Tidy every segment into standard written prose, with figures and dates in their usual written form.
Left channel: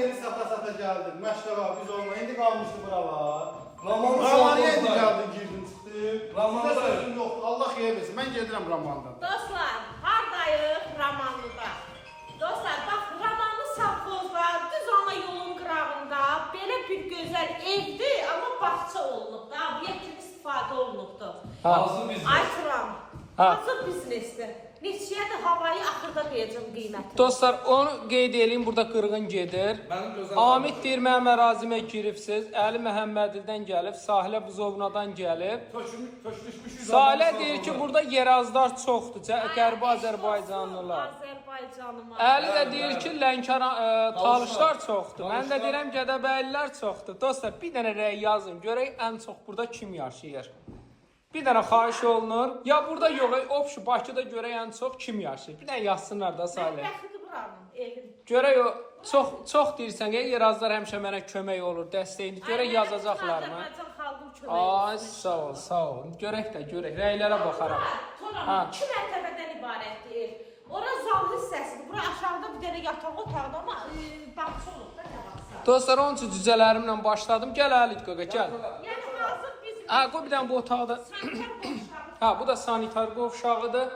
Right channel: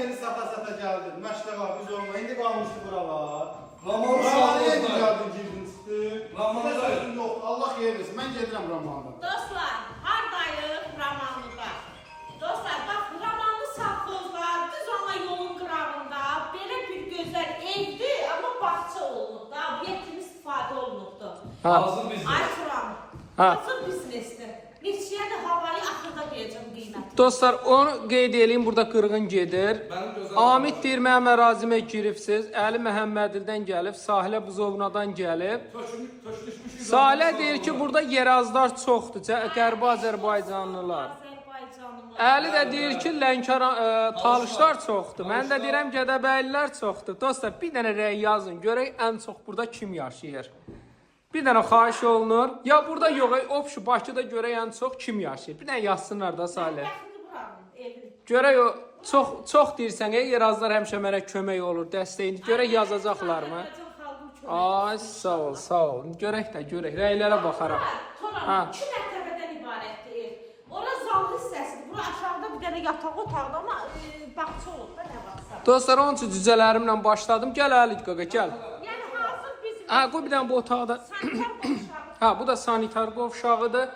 yeri sata geldik. Maşallah biz olma. İndi kalmıştı buralar. Ramanı yedi geldin girdin üstü. Ramanı sözüm yok. Allah xeyir versin. Ben gedirəm Ramandan. Dostlar, hardayıq Ramanlıda? Dostlar, bax, Ramanlı savxozda, düz ana yolun qırağında belə bir gözəl evdir, amma bağça olunub da, obyektimiz istifadə olunubdur. Hazır biznes. Ay Turan, hazır biznesdir. Neçəyə də havayı axırda deyəcəm qiyməti. Dostlar, onu qeyd edeyim, burada qırğın gedir. Mənim gözəl Amid deyir, mənim ərazimə giribsiz. Əli Məhəmmədildən gəlib, Sahilə Buzovnadan gəlib. Töküşmüşük. Sahilə deyir ki, burada yerazlar çoxdur, Qərbi Azərbaycanlılar. Azərbaycanıma. Əli də deyir ki, Lənkəran talışlar çoxdur. Mən də deyirəm, Gədəbəylilər çoxdur. Dostlar, bir dənə rəy yazın, görək ən çox burada kim yaşayır. Bir dənə xahiş olunur. Ya burada yox, opşu Bakıda görək ən çox kim yaşayır. Bir dənə yazsınlar da Sahilə. Bəxtli buranın evin. Görək o çox deyirsən, yerazlar həmişə mənə kömək olur, dəstəyini. Görək yazacaqlar mı? Azərbaycan xalqı kömək. Ay, sağ ol. Görək də, görək. Rəylərə baxarıq. Toran 2 mərtəbədən ibarətdir ev. Ora zal hissəsidir. Bura aşağıda bir dənə yataq otaqda, amma bağça olur. Dostlar, onun üçün cücələrimlə başladım. Gəl Əli qaqa, gəl. Yəni hazır bizim. Ha, qoy bir dənə bu otaqda. Ha, bu da sanitar qovşağıdır.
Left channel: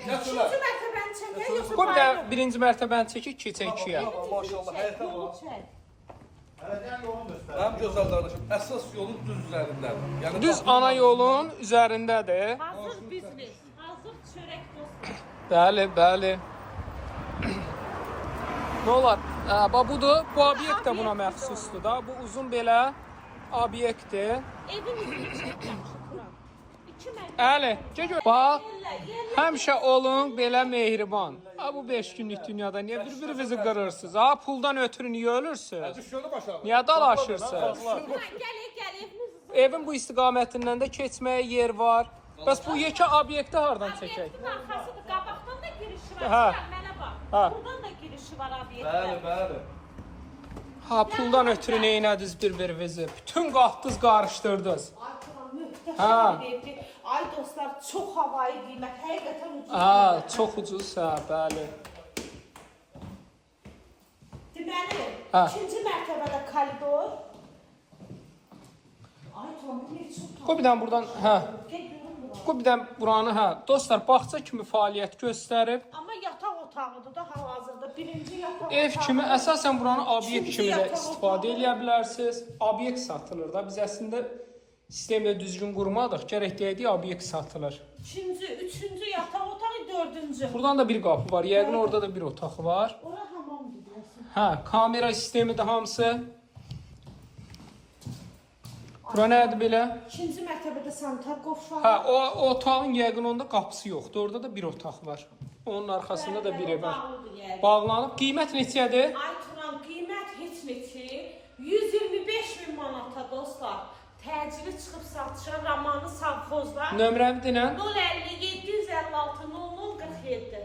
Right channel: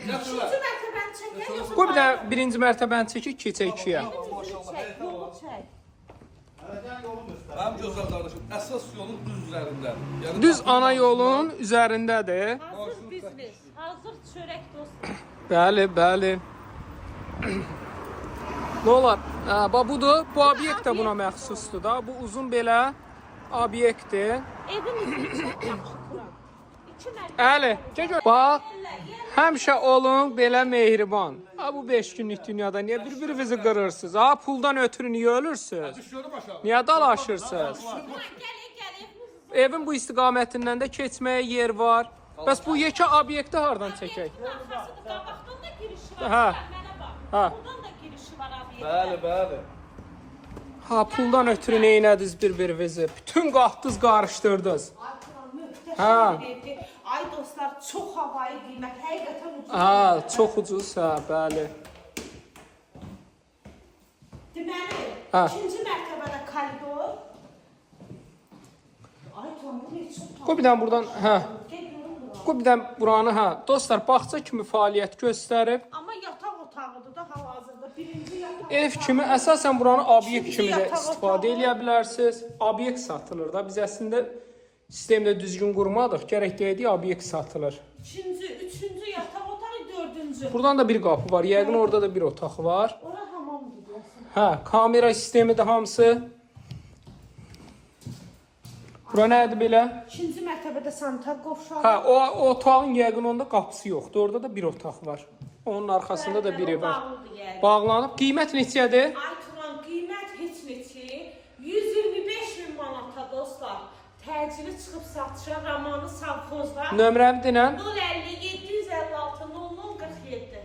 İkinci mərtəbəni çəkək, yoxsa Qoy bir dənə birinci mərtəbəni çəkib keçək ikiyə. Maşallah, həyətə Yolu bax. çək. Mənim gözəl qardaşım, əsas yolun düz üzərindədir. Yəni Düz qapının ana ağzında- yolun üzərindədir. Hazır biznes, hazır çörək dostlar. Bəli. Ne olar? Bax budur. Bu obyekt də buna məxsusdur da. Bu uzun belə obyektdir. Evin üzrü çox yaxşıdır. 2 mərtəbə. Əli, bax. Həmişə olun belə mehriban. Ha bu 5 günlük dünyada niyə bir-birinizi qırırsınız? Ha puldan ötürü niyə ölürsünüz? Düşüyorum aşağı. Niyə dalaşırsınız? Gəlir. Evin bu istiqamətindən də keçməyə yer var. Bəs bu yekə obyekti hardan çəkək? Evin arxasıdır, qabaqdan da girişi var. Hə. Mənə bax. Hə. Buradan da girişi var obyektə. Bəli. Ha puldan ötürü neynədiniz bir-birinizi? Bütün qalxdınız, qarışdırdınız. Möhtəşəm bir evdir. Ay dostlar, çox havayı qiymət, həqiqətən ucuz. Ha, çox ucuzsa, bəli. Deməli, Hə. ikinci mərtəbədə koridor. Ay tamam, ne çox Qoy bir dənə buradan, hə. Gəl görüm bura. Qoy bir dənə buranı, hə. Dostlar, bağça kimi fəaliyyət göstərir. Amma yataq otağıdır da hal-hazırda. Birinci yataq Ev otağı. kimi əsasən buranı obyekt İkinci kimi də yataq istifadə otağı. edə bilərsiniz. Obyekt satılır da. Biz əslində sistemdə düzgün qurmadıq. Gərək deyək obyekt satılır. İkinci, üçüncü yataq otağı, dördüncü. Buradan da bir qapı var. Yəqin orada da bir otaq var. Ora hamam gidiyorsun. Hə, kamera sistemi də hamısı. Bura nədir belə? İkinci mərtəbədə sanitar qovşağı. Hə, o otağın yəqin onda qapısı yoxdur. Orada da bir otaq var. Onun arxasında da biri var. Bağlıdır yəni. Bağlanıb. Qiymət neçədir? Ay Turan, qiymət heç neçə. 125 min manata dostlar. Təcili çıxıb satışa Ramanlı savxozda. Nömrəmi denən? 050 756 00 47.